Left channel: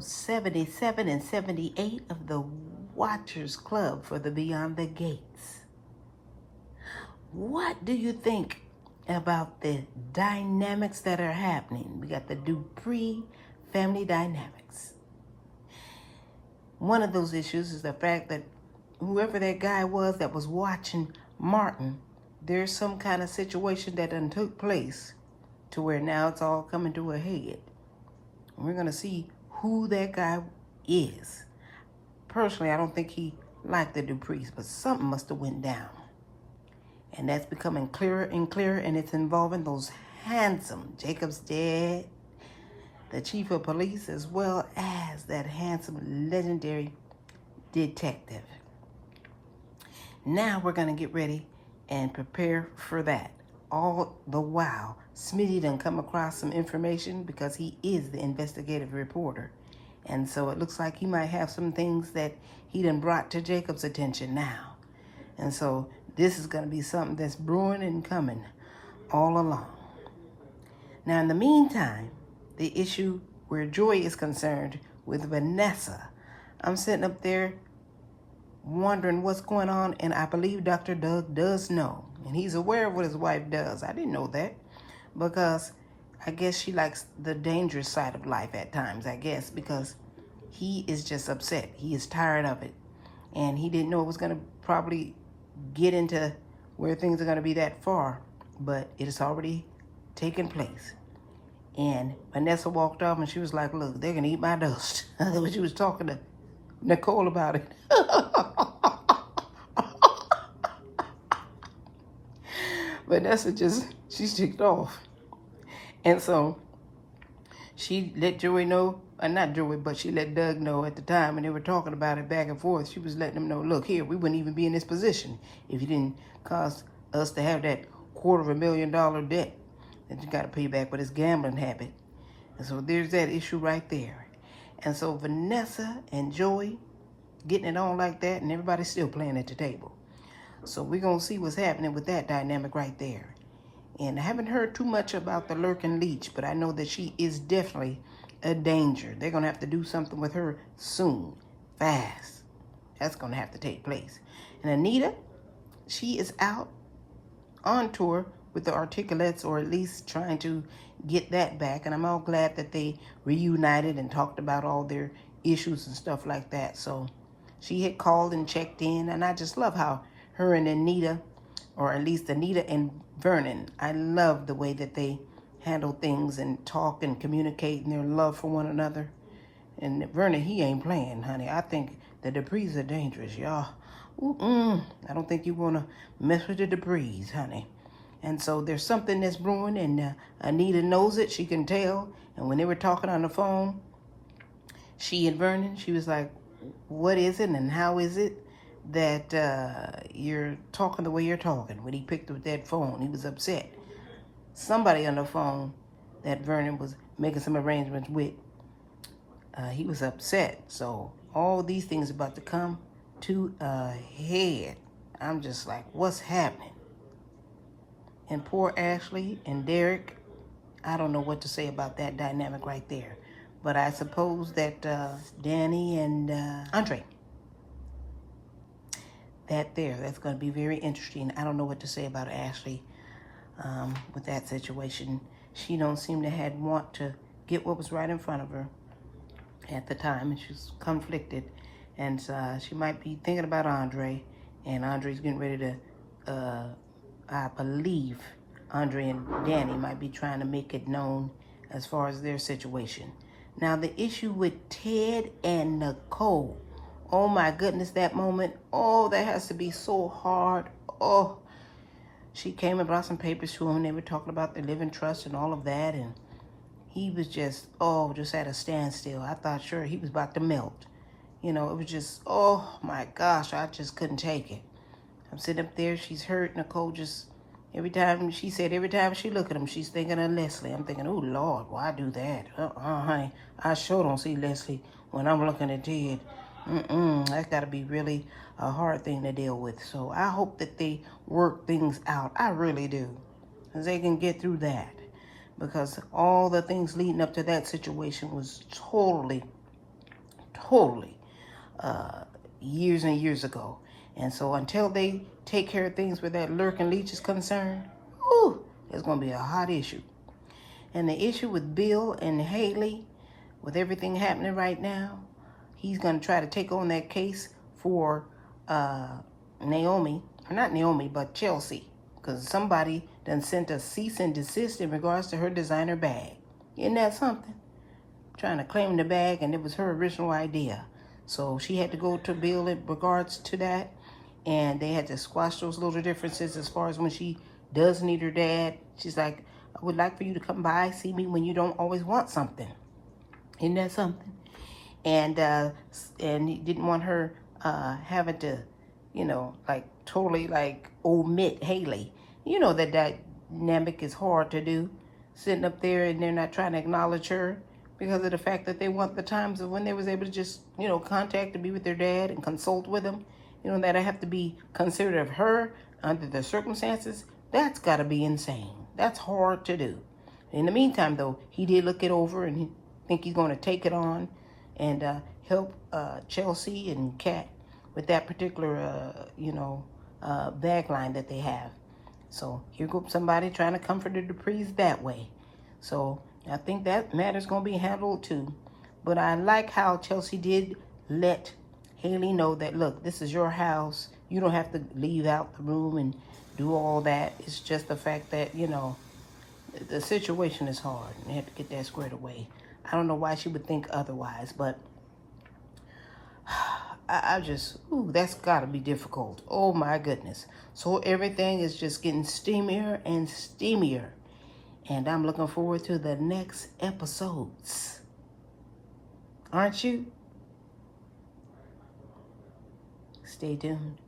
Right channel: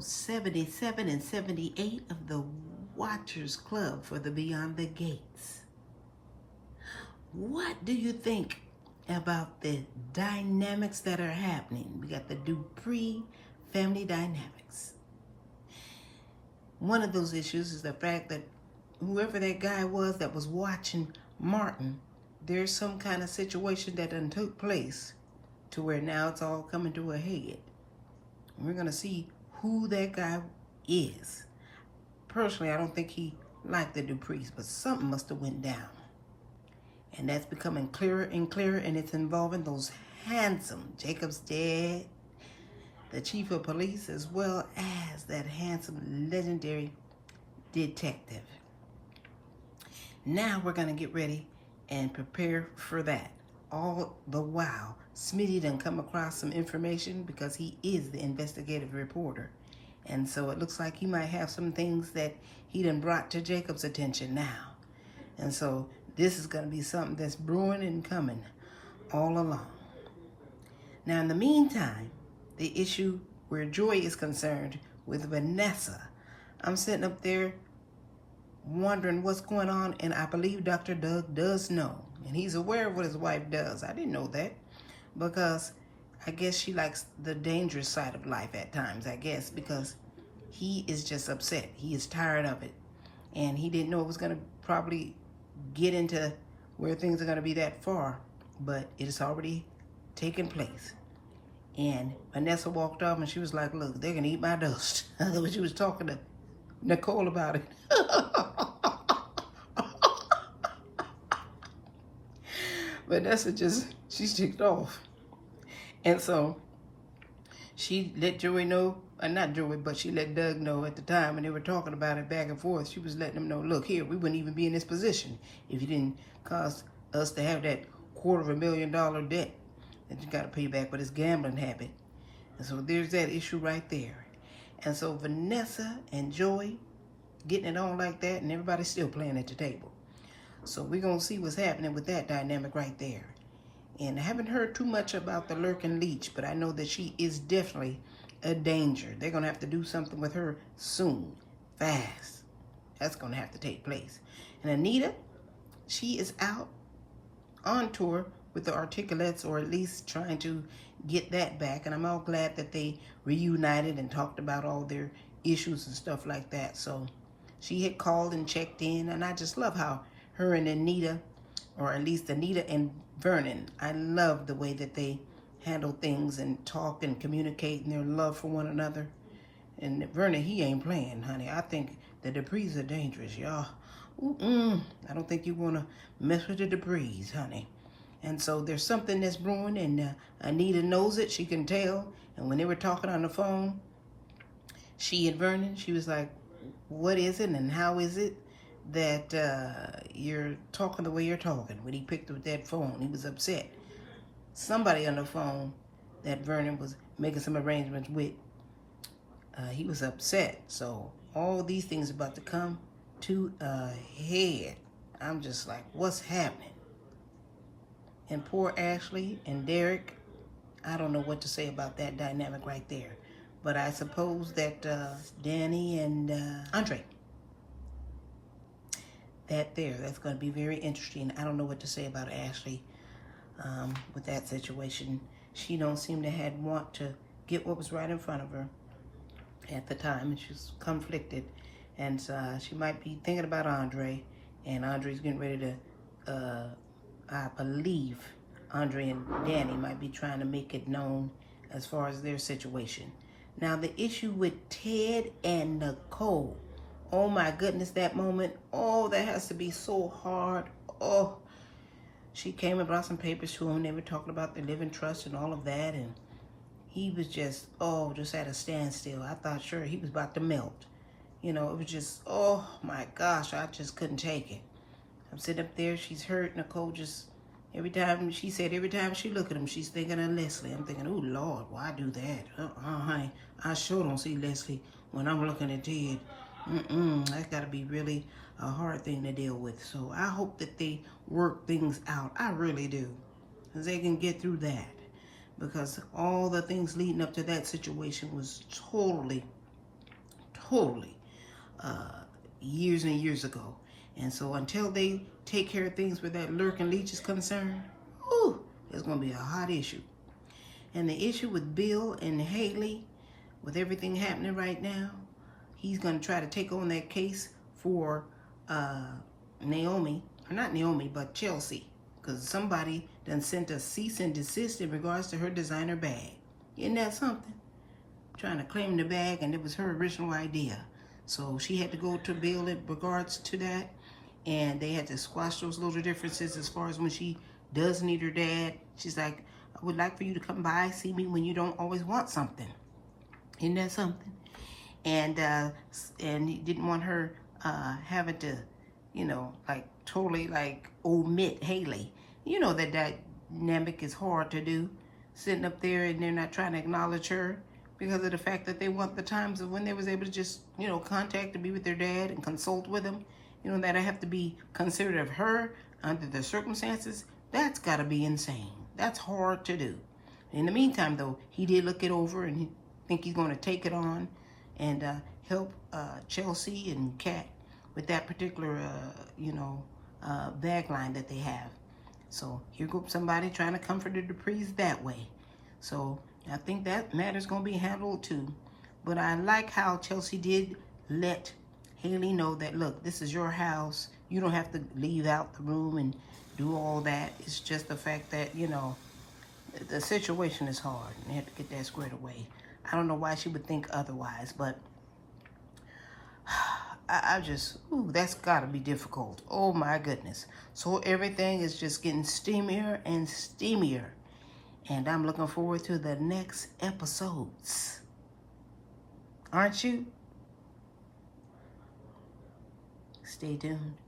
episodes 77 and 78 of the Watchers Club for the Beyond the Gates. What do you think about the dynamics that are happening? We got the Dupree family dynamics. One of those issues is the fact that whoever that guy was that was watching Martin, there's some kind of situation that done took place to where now it's all coming to a head. We're going to see who that guy is. Personally, I don't think he liked the Duprees, but something must have went down. And that's becoming clearer and clearer, and it's involving those handsome Jacob's dad, the chief of police, as well as that handsome, legendary detective. Now we're going to get ready and prepare for that. All the while, Smitty done come across some information because he is the investigative reporter. And so it looks like he might have some things that he done brought to Jacob's attention now. And so this is going to be something that's brewing and coming all along. Now, in the meantime, the issue where Joy is concerned with Vanessa, I'm sitting up there wondering what's going on, and I believe Dr. Doug does know. And he's aware of what his wife does. I didn't know that because I guess she likes the dangerous side of life at times, I guess, because he is just upset. He is tired of it. And he didn't know it was going to probably get into where things are going to be that far, but it has already taken place. And Vanessa walked off and she was like, look, they're going to eat my dust. When she was talking to Nicole about it. Vanessa she's ticked off. And so she let Joey know, not Joey, but she let Doug know at the time, and they were talking about it back and forth. She was letting him know, look, here, we wouldn't even be in this position if you didn't cause us to have that $250,000 debt that you got to pay back with this gambling habit. And so there's that issue right there. And so Vanessa and Joey getting it on like that, and everybody's still playing at the table. So we're going to see what's happening with that dynamic right there. And I haven't heard too much about the lurking leech, but I know that she is definitely a danger. They're going to have to do something with her soon, fast. That's going to have to take place. And Anita, she is out on tour with the Articulates, or at least trying to get that back. And I'm all glad that they reunited and talked about all their issues and stuff like that. So she had called and checked in, and I just love how her and Anita, or at least Anita and Vernon, I love the way that they handle things and talk and communicate and their love for one another. And Vernon, he ain't playing, honey. I think the Duprees are dangerous, y'all. I don't think you want to mess with the Duprees, honey. And so there's something that's brewing, and Anita knows it. She can tell. And when they were talking on the phone, she and Vernon, she was like, what is it and how is it that you're talking the way you're talking? When he picked up that phone, he was upset. Somebody on the phone that Vernon was making some arrangements with, he was upset. So all these things about to come to a head. I'm just like, what's happening? And poor Ashley and Derek, I don't know what to say about that dynamic right there. But I suppose that Danny and Andre, that's going to be very interesting. I don't know what to say about Ashley with that situation. She don't seem to want to get what was right in front of her at the time, and she's conflicted. And she might be thinking about Andre, and Andre's getting ready to, I believe Andre and Danny might be trying to make it known as far as their situation. Now, the issue with Ted and Nicole, oh my goodness, that moment, oh, that has to be so hard. Oh, she came and brought some papers to him. They were talking about the living trust and all of that, and he was just at a standstill. I thought sure he was about to melt. You know, it was just, oh my gosh, I just couldn't take it. I'm sitting up there, she's hurt. Nicole just, every time she look at him, she's thinking of Leslie. I'm thinking, oh Lord, why do that? Honey, I sure don't see Leslie when I'm looking at Ted. That's got to be really a hard thing to deal with. So I hope that they work things out. I really do. Because they can get through that. Because all the things leading up to that situation was totally totally years and years ago. And so until they take care of things where that lurking leech is concerned, ooh, it's going to be a hot issue. And the issue with Bill and Haley, with everything happening right now, he's going to try to take on that case for Naomi, or not Naomi, but Chelsea, because somebody done sent a cease and desist in regards to her designer bag. Isn't that something? Trying to claim the bag, and it was her original idea. So she had to go to Bill in regards to that, and they had to squash those little differences as far as when she does need her dad. She's like, I would like for you to come by, see me when you don't always want something. Isn't that something? And he didn't want her having to, you know, like totally like omit Haley. You know that dynamic is hard to do, sitting up there and they're not trying to acknowledge her because of the fact that they want the times of when they was able to just, you know, contact and be with their dad and consult with him. You know, that I have to be considerate of her under the circumstances. That's got to be insane. That's hard to do. In the meantime, though, he did look it over and he think he's going to take it on and help Chelsea and Kat with that particular, bag line that they have. So here goes somebody trying to comfort the Duprees that way. So I think that matter's going to be handled too. But I like how Chelsea did let Haley know that, look, this is your house. You don't have to leave out the room and do all that. It's just the fact that, you know, the situation is hard and they have to get that squared away. I don't know why she would think otherwise, but I just, that's got to be difficult. Oh, my goodness. So everything is just getting steamier and steamier. And I'm looking forward to the next episodes. Aren't you? Stay tuned.